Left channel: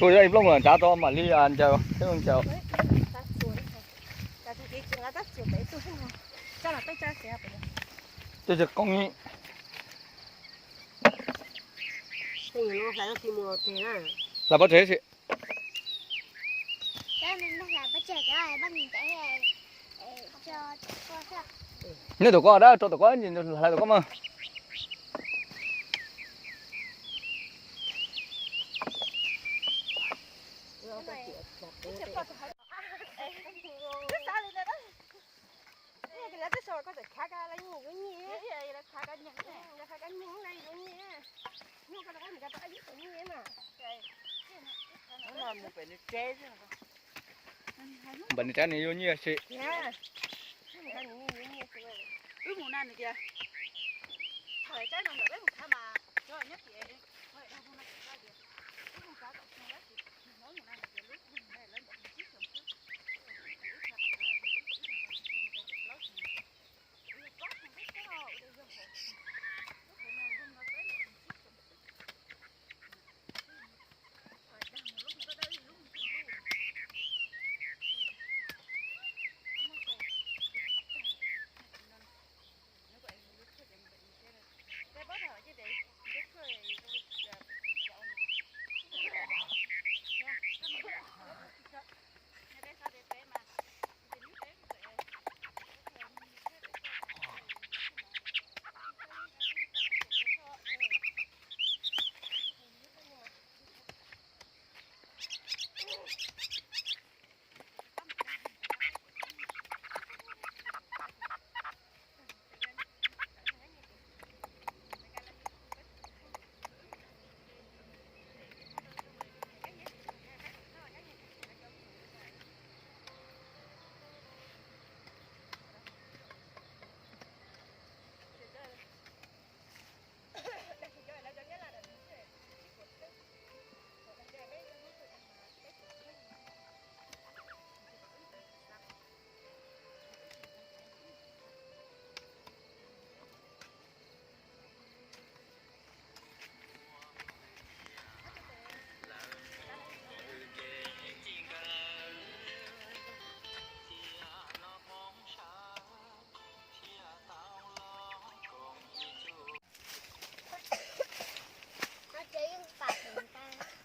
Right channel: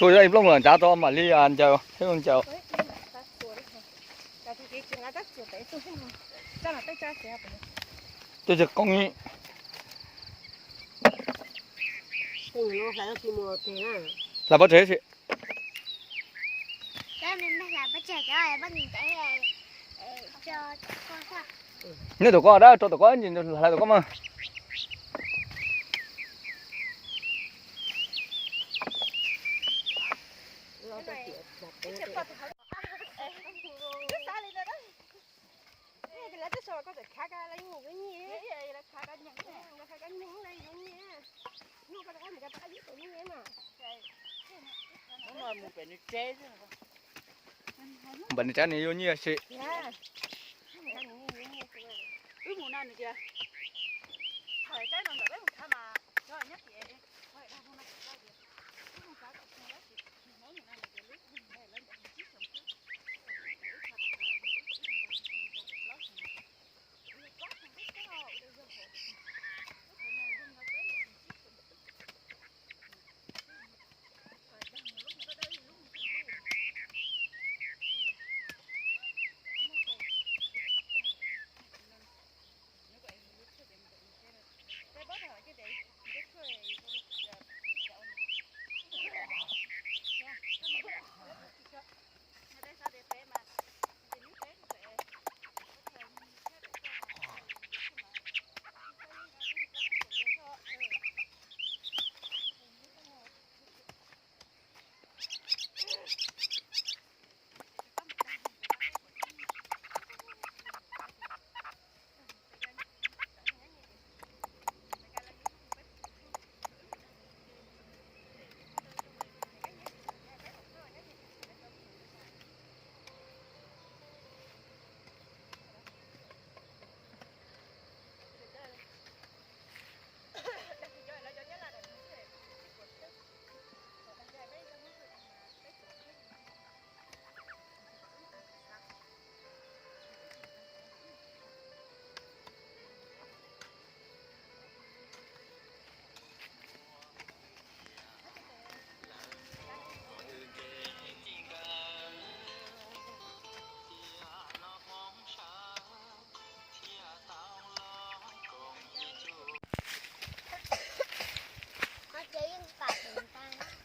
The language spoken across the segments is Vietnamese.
Xui đây lúc mà trả to mà đi ăn chờ, thấy không chờ. Tôi chỉ con nghĩ. Là bắt thế chị. Nếu tụi con đó, tụi con nhìn lại tụi con mà. Bệnh trái này vô nhiều chị.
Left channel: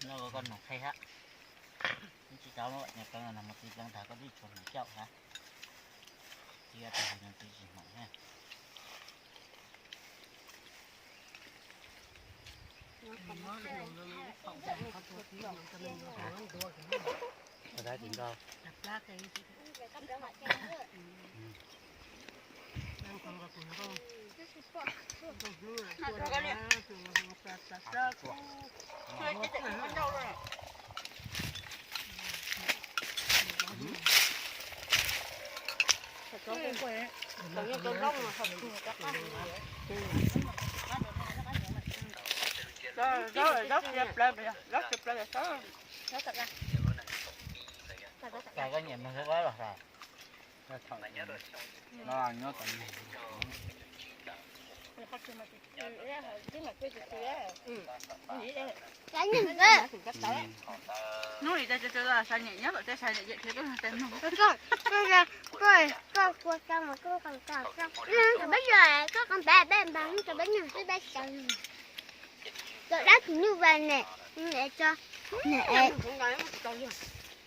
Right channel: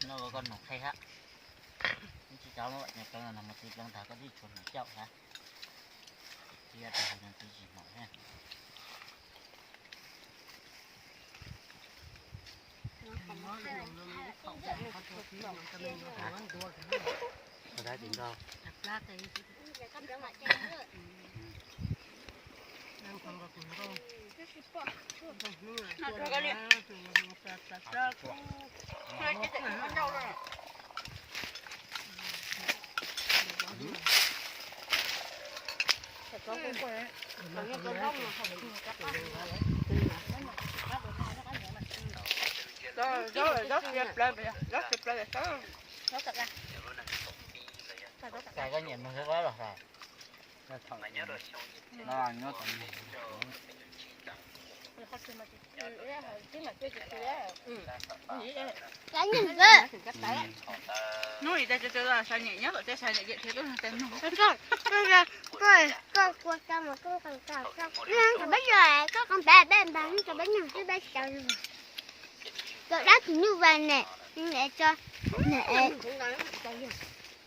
Nó có con nọc hay hả? Chị cháu nó vậy nhập cái là một tí lăng thả có đi chuột nó chậu hả? Thì ra thì là tí chỉ mỏng ha. Ở đây tính đâu? Cả con nhện nó sẽ có rồi. Nó nhớ tận này. Nuôi đây cho là sao nhẹ nhất ở đây sao nhẹ vậy thì cái tên bây giờ có con bé bán cho bé nhỏ cái bé sợ rồi đó thì như vậy nè nhưng để cho nè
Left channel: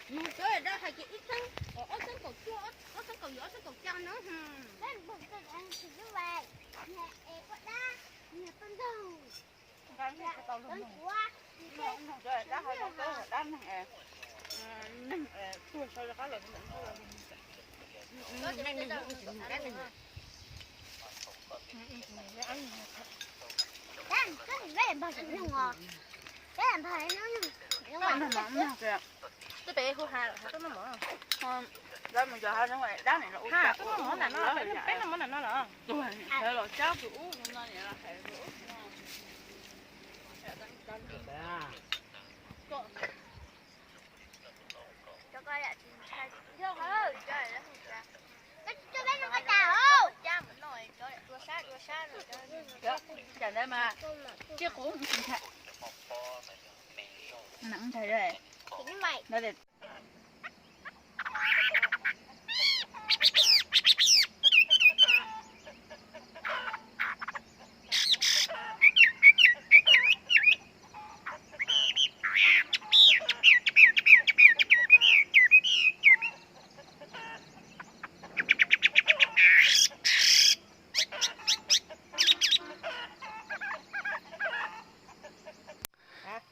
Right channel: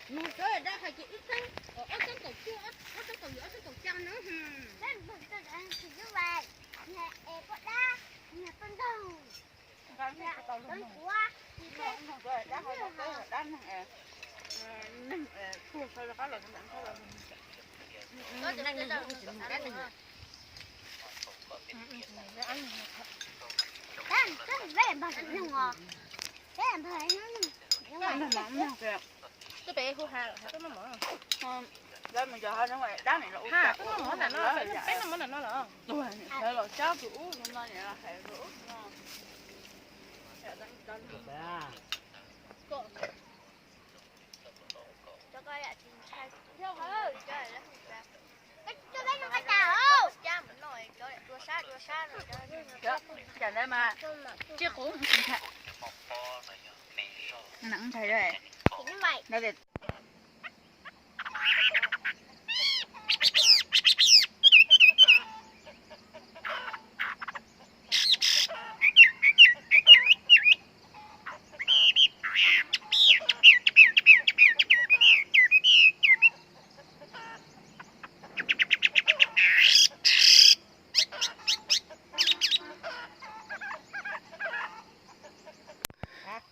nhưng cái đó phải chỉ ít thôi ở cái cột chua ở cái cột giữa cái cột cho nữa đấy bụng tôi ăn thì như vậy nè có đá nè con đầu con quá cái bé của hai là cái nó mở không đó mình giờ hai nó ngoài đá này là ha cái nó mở là nó cái nó mở là nó là đây là cháu kiểu nhưng mà này là phải rửa cho coi lại tìm sai chưa hả trời đất cho bé nó cái tàu không cha mình nói cho tua xa rồi chả đây mà chiếc cũng nặng chạy đây vậy. Đây để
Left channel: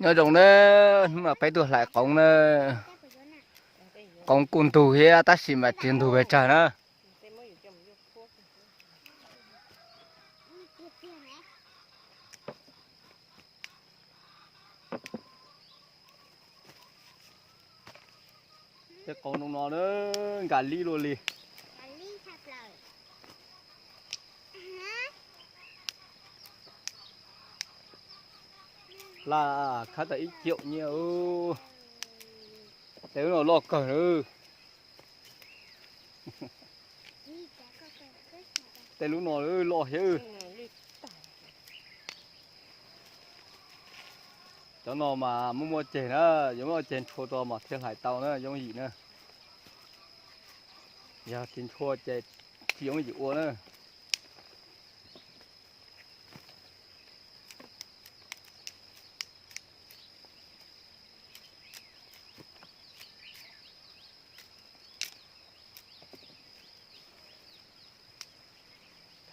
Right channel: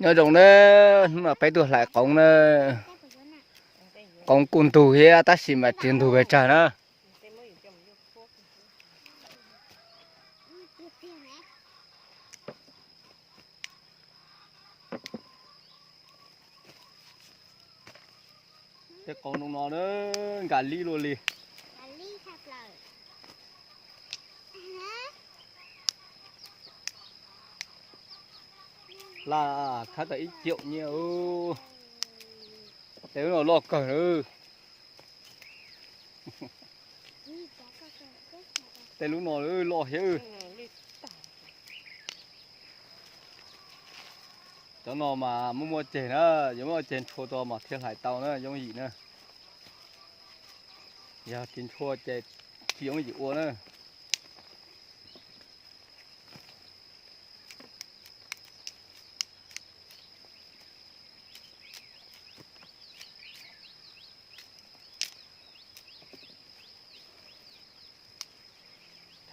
nhớ trong đó mà phải tuổi lại con côn tù here ta xí mà tiền tù về trả nữa cái con nó nữa gà ly luôn đi là khá là ít triệu nhiều thế nó lo cỡ nữa thế lúc nó lo hết cho nó mà mua chén á giống như chén chua to mà thiên hải tàu nữa giống gì nữa giờ chén chua chén chỉ giống gì uống nữa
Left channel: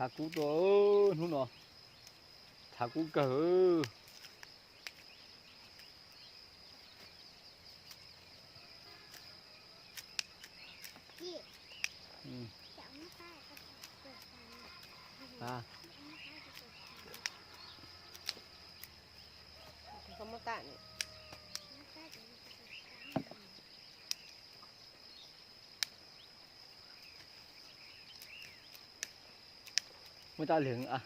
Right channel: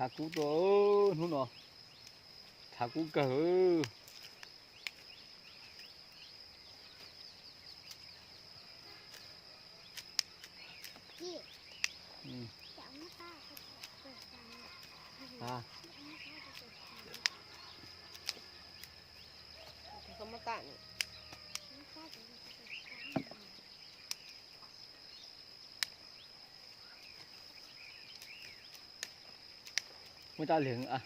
thả cú to luôn nó thả cú cỡ à không có tạn. người ta liền à